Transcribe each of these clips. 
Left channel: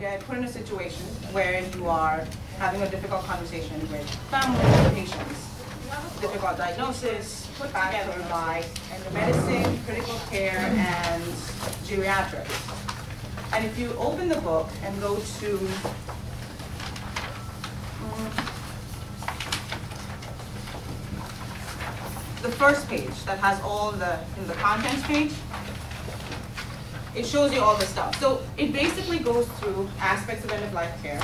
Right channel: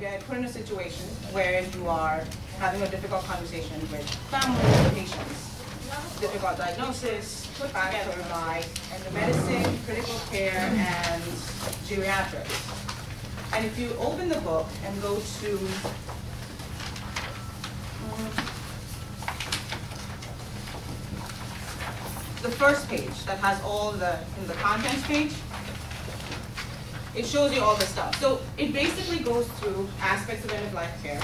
get put in a situation where you are having a difficult conversation with family or patients, difficult diagnosis, put together by medicine, critical care, and geriatrics. And if you open the book and go to the first page that has all in the contents page, it shows you all the stuff. So it basically goes through aspects of end-of-life care.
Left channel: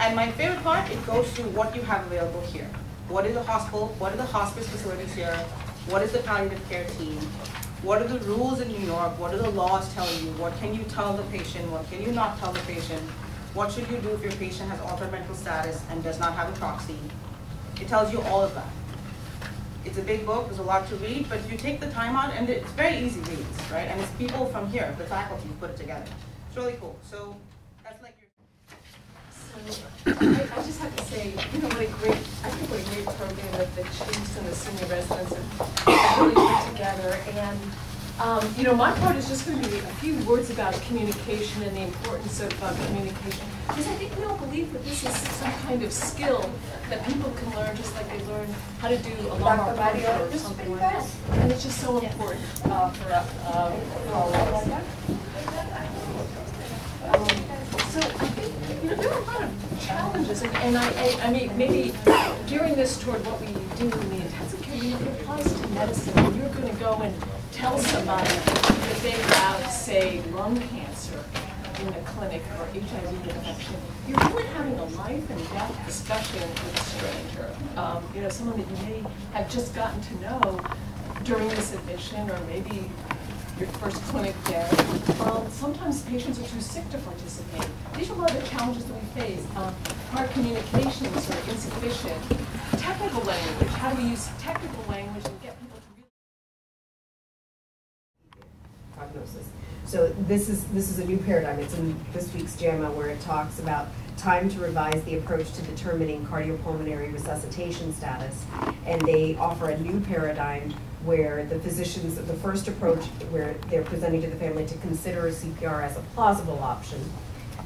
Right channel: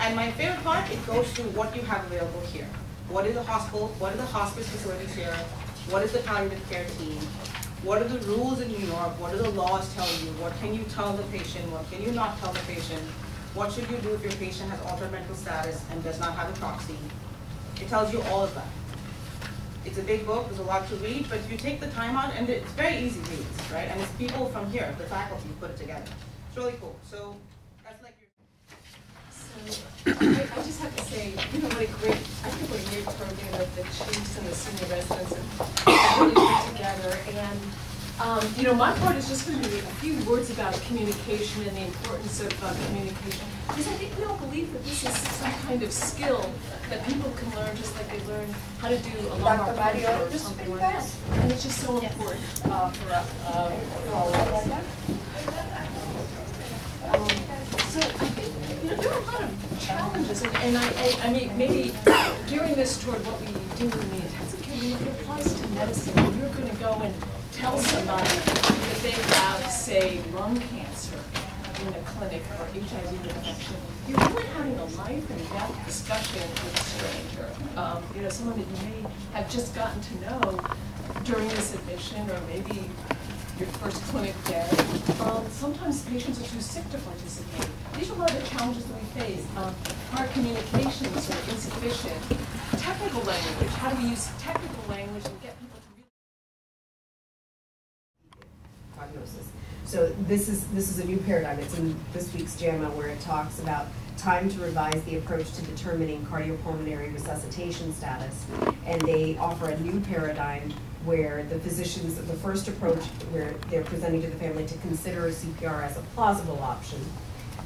And my favorite part, it goes through what you have available here. What is the hospital? What are the hospice facilities here? What is the palliative care team? What are the rules in New York? What do the laws tell you? What can you tell the patient? What can you not tell the patient? What should you do if your patient has altered mental status and does not have a proxy? It tells you all of that. It's a big book, there's a lot to read, but if you take the time out, and it's very easy reads, right? And it's people from here, the faculty, put it together. It's really cool. So that's like your... So I just have to say, you know, what a great program that the chiefs and the senior residents have really put together. And you know, my part is just going to be a few words about communication and the importance of communication. Because I think we all believe that this is some kind of skill that people can learn, just like they learn how to do a lot of radio or something like that. And it's just so important for all of us. So I think, you know, there are a lot of challenges, and I mean, maybe gearing this toward what we do in the intensive care unit, it applies to medicine. When you're going to go and tell somebody that they have, say, lung cancer in a clinic or HIV infection, you're really having a life and death discussion with a stranger. You know, someone that you may have just gotten to know during this admission, or maybe your first clinic day. Sometimes patients are too sick to participate. These are a lot of the challenges that we face. Our communications are insufficient. Technical language, how do we use technical language and get people to really... Prognosis. So this is a new paradigm. It's in this week's JAMA where it talks about time to revise the approach to determining cardiopulmonary resuscitation status. And they offer a new paradigm where the physicians, the first approach where they're presenting to the family to consider CPR as a plausible option.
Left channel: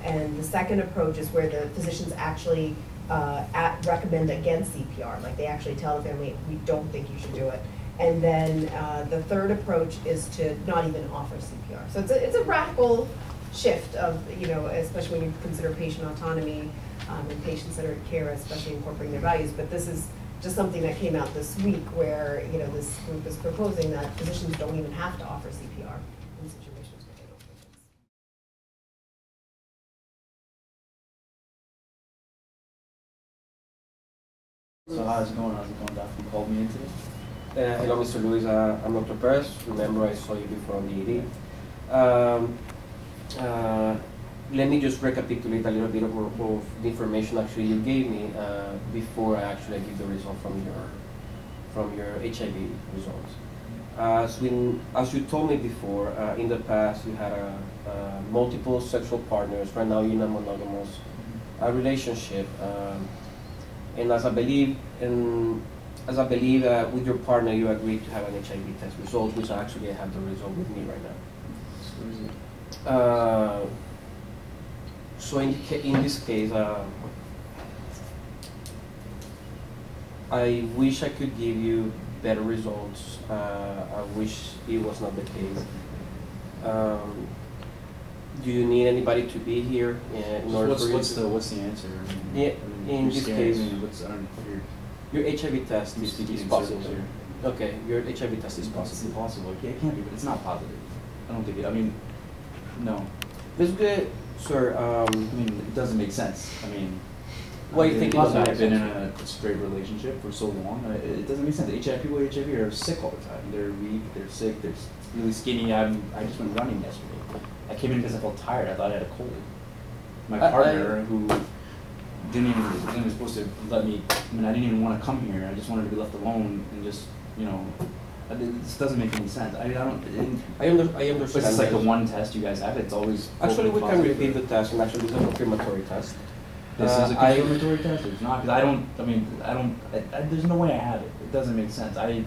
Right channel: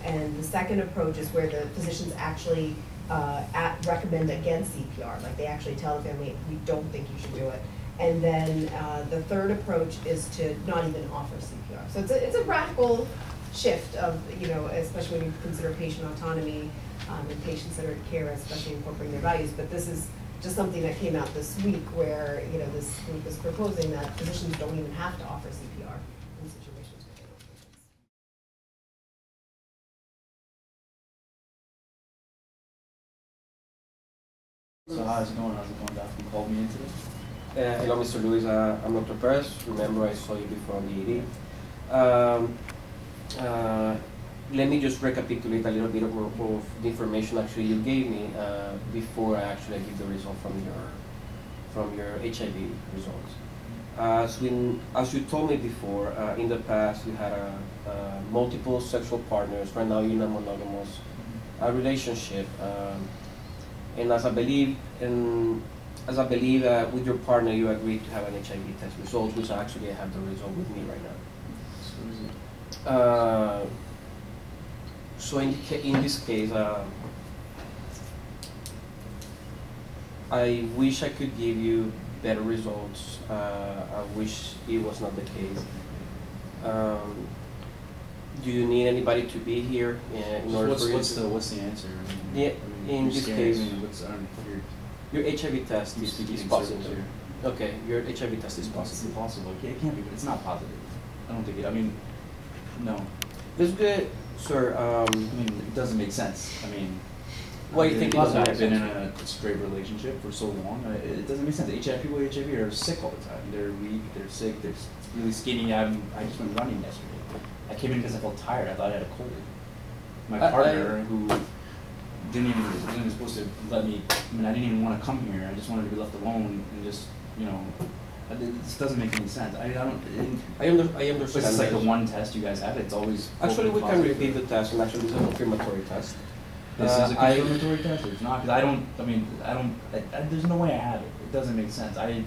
And the second approach is where the physicians actually recommend against CPR. Like they actually tell the family, we don't think you should do it. And then the third approach is to not even offer CPR. So it's a radical shift of, you know, especially when you consider patient autonomy and patient centered care, especially incorporating their values. But this is just something that came out this week where, you know, this group is proposing that physicians don't even have to offer CPR in situations where they don't think it's. So how's it going? Doc? You called me in today? Hello, Mr. Lewis. I'm Dr. Perez. Remember, I saw you before on the ED. Let me just recapitulate a little bit of the information actually you gave me before I actually give the result from your HIV results. As you told me before, in the past you had multiple sexual partners. Right now you're in a monogamous relationship, and as I believe with your partner you agreed to have an HIV test result, which actually I have the result with me right now. So in this case, I wish I could give you better results. I wish it was not the case. Do you need anybody to be here in order for you to... What's the answer? I mean, in this case, your HIV test is positive. Okay, your HIV test is positive. It's impossible. It can't be, but it's not positive. I don't think it, I mean, no. This is good, sir. I mean, it doesn't make sense. I mean, why do you think it doesn't make I've sense? been in a straight relationship for so long. It doesn't make sense. People with HIV are sick all the time. They're weak, they're sick, they're really skinny. I just went running yesterday. I came in because I felt tired. I thought I had a cold. My partner, who wasn't even supposed to let me, I mean, I didn't even want to come here. I just wanted to be left alone and just, you know, this doesn't make any sense. I understand. But it's like the one test you guys have. It's always actually we can repeat the test, and actually this is a confirmatory test. This is a confirmatory test. It's not because there's no way I have it. It doesn't make sense. I'm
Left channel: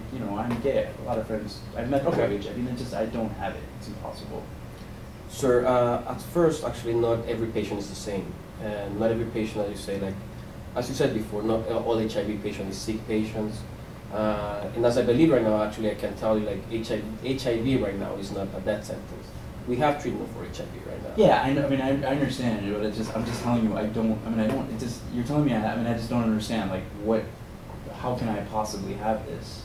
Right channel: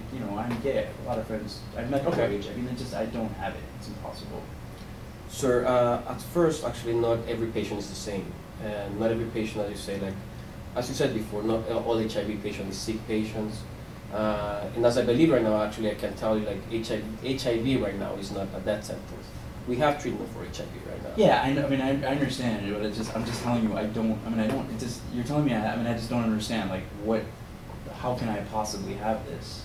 gay. I have a lot of friends. I've met people with HIV. I mean, I don't have it. It's impossible. Sir, at first, actually, not every patient is the same. And not every patient, as you say, like, as you said before, not all HIV patients is sick patients. And as I believe right now, actually, I can tell you, like, HIV right now is not a death sentence. We have treatment for HIV right now. Yeah, I know. I mean, I understand, but I'm just telling you, I don't. It just. You're telling me. I just don't understand. Like, what? How can I possibly have this?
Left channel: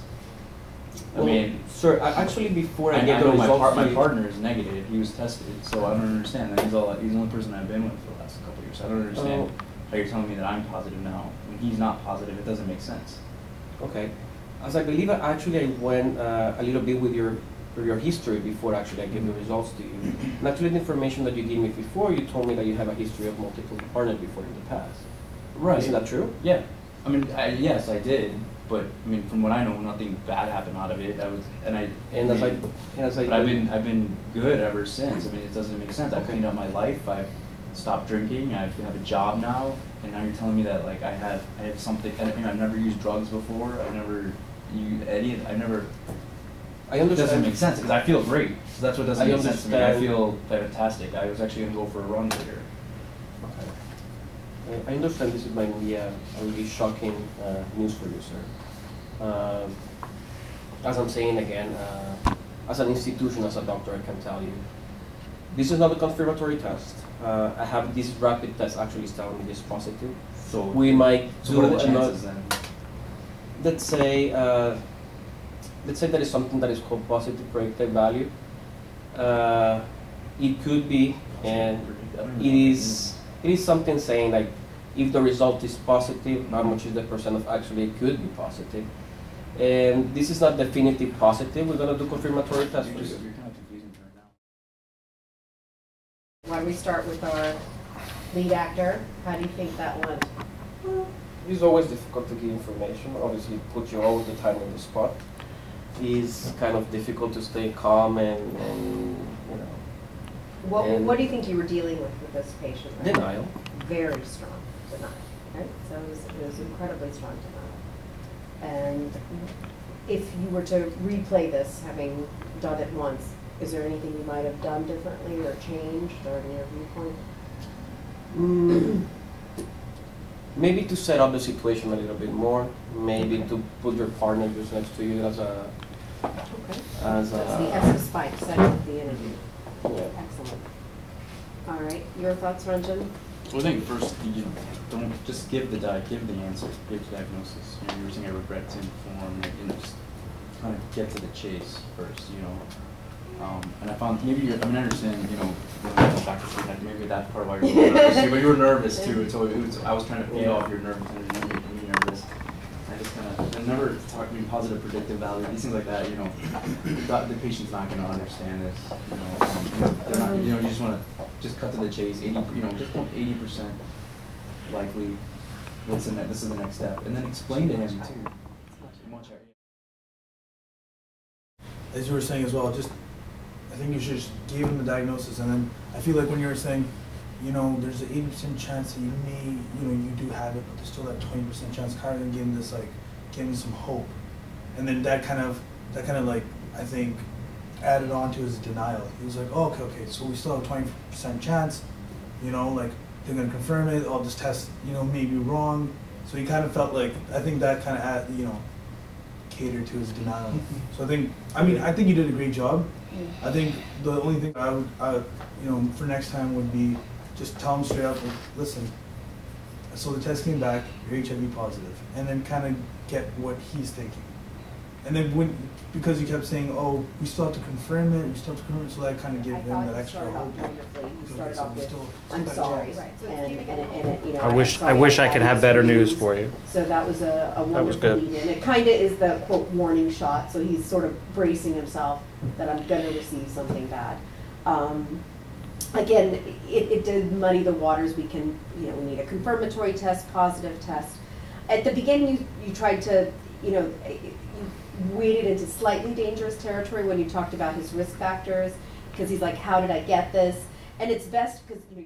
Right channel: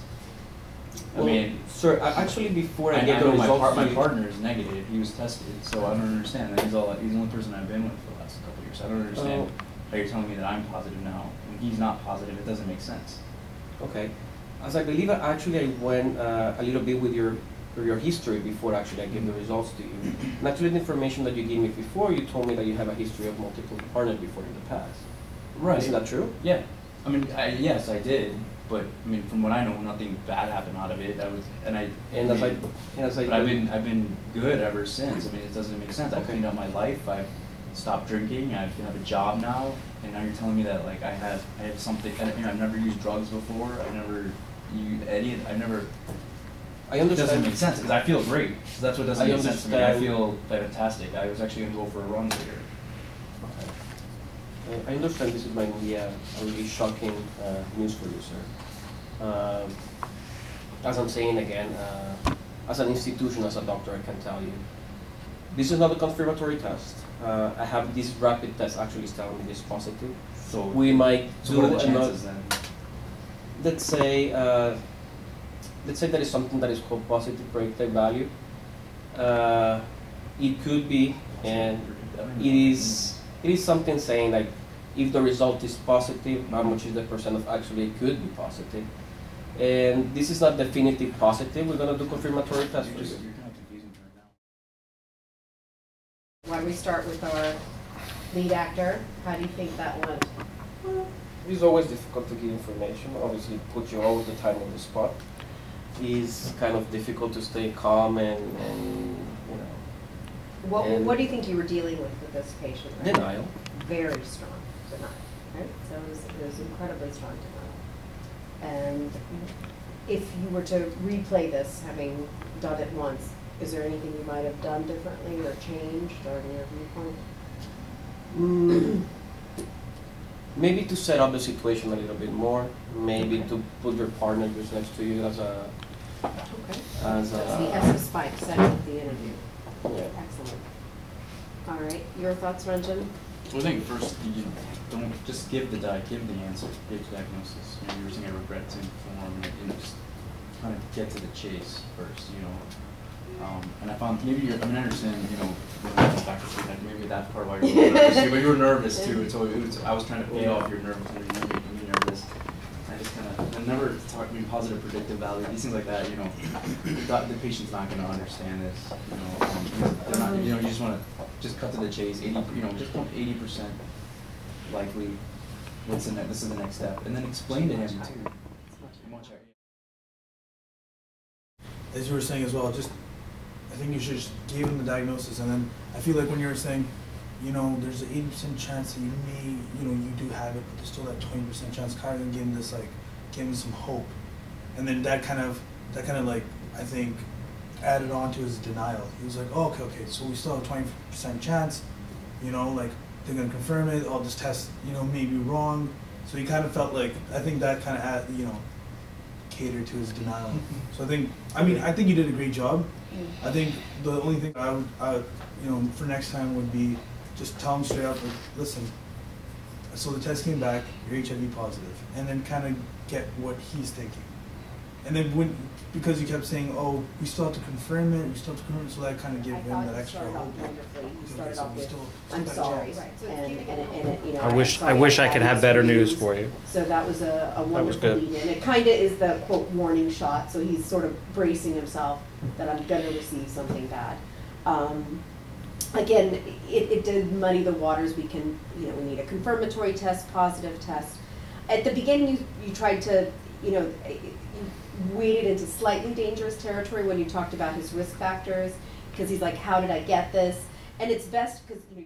Well, I mean, sir, actually, before I I get the know results, my partner is negative. He was tested, so I don't understand. He's the only person I've been with for the last couple of years. So I don't understand how you're telling me that I'm positive now when he's not positive. It doesn't make sense. Okay, as I believe, actually, I went a little bit with your history before actually I gave the results to you. And actually, the information that you gave me before, you told me that you have a history of multiple partners before in the past. Right. Isn't that true? Yeah. I mean, yes, I did. But I mean, from what I know, nothing bad happened out of it. But I've been good ever since. I mean, it doesn't make sense. I cleaned up my life. I've stopped drinking. I have a job now, and now you're telling me that like I have something. I've never used drugs before. I've never used any. I understand. It doesn't make sense because I feel great. So that's what doesn't make sense to me. I feel fantastic. I was actually gonna go for a run later. Okay. I understand this might be a really shocking news for you, sir. As I'm saying again, as an institution, as a doctor, I can tell you, this is not a confirmatory test. I have this rapid test actually is telling me this positive. So we might do what are the chances then? Let's say that is something that is called positive predictive value. It could be, and it is something saying like if the result is positive, how much is the percent of actually it could be positive. And this is not definitive positive. We're gonna do confirmatory tests for you. You're kind of confusing me right now. Why don't we start with our lead actor? How do you think that went? It's always difficult to give information. Obviously, it puts you all the time on the spot. It's kind of difficult to stay calm and you know. What do you think you were dealing with this patient? Right? Denial. Very strong denial, right? So it was incredibly strong denial. And if you were to replay this, having done it once, is there anything you might have done differently or changed or in your viewpoint? Maybe to set up the situation a little bit more. Maybe to put your partner just next to you as a. Okay. As That's the a. S of Spike, setting up the interview. Yeah. Excellent. All right, your thoughts, Ranjan? Well, I think first you don't just give the answer, give the diagnosis. You know, you were saying I regret to inform, just kind of get to the chase first. You know, and I found maybe I understand. You know, maybe that's part of why you're nervous. But you were nervous too. So I was trying to feed off your nervousness. You made me nervous. I just kind of never talking positive predictive value. These things like that. You know, the patient's not going to understand this. You know, they're not. You know, you just want to just cut to the chase. 80. You know, just 80% likely. This is the next step, and then explain to him too. As you were saying as well, I think you should just give him the diagnosis, and then I feel like when you were saying, you know, there's an 80% chance that you may, you know, you do have it, but there's still that 20% chance. Kind of give him this, like, give him some hope, and then that kind of like I think added on to his denial. He was like, oh, okay, so we still have 20% chance, you know, like they're gonna confirm it. Oh, this test, you know, may be wrong. So he kind of felt like I think that kind of you know, catered to his denial. So I think you did a great job. I think the only thing I would, you know, for next time would be just tell him straight up, like, listen, so the test came back, you're HIV positive, and then kind of get what he's thinking. And then because you kept saying, oh, we still have to confirm it, so that kind of gave him that extra hope. You started off with, I'm sorry, and you know. I wish I could have better news for you. So that was a wonderful lead in. It kind of is the quote warning shot. So he's sort of bracing himself that I'm going to receive something bad. Again, it did muddy the waters. We can, you know, we need a confirmatory test, positive test. At the beginning, you tried to, you know, you waded into slightly dangerous territory when you talked about his risk factors, because he's like, how did I get this? And it's best because, you know,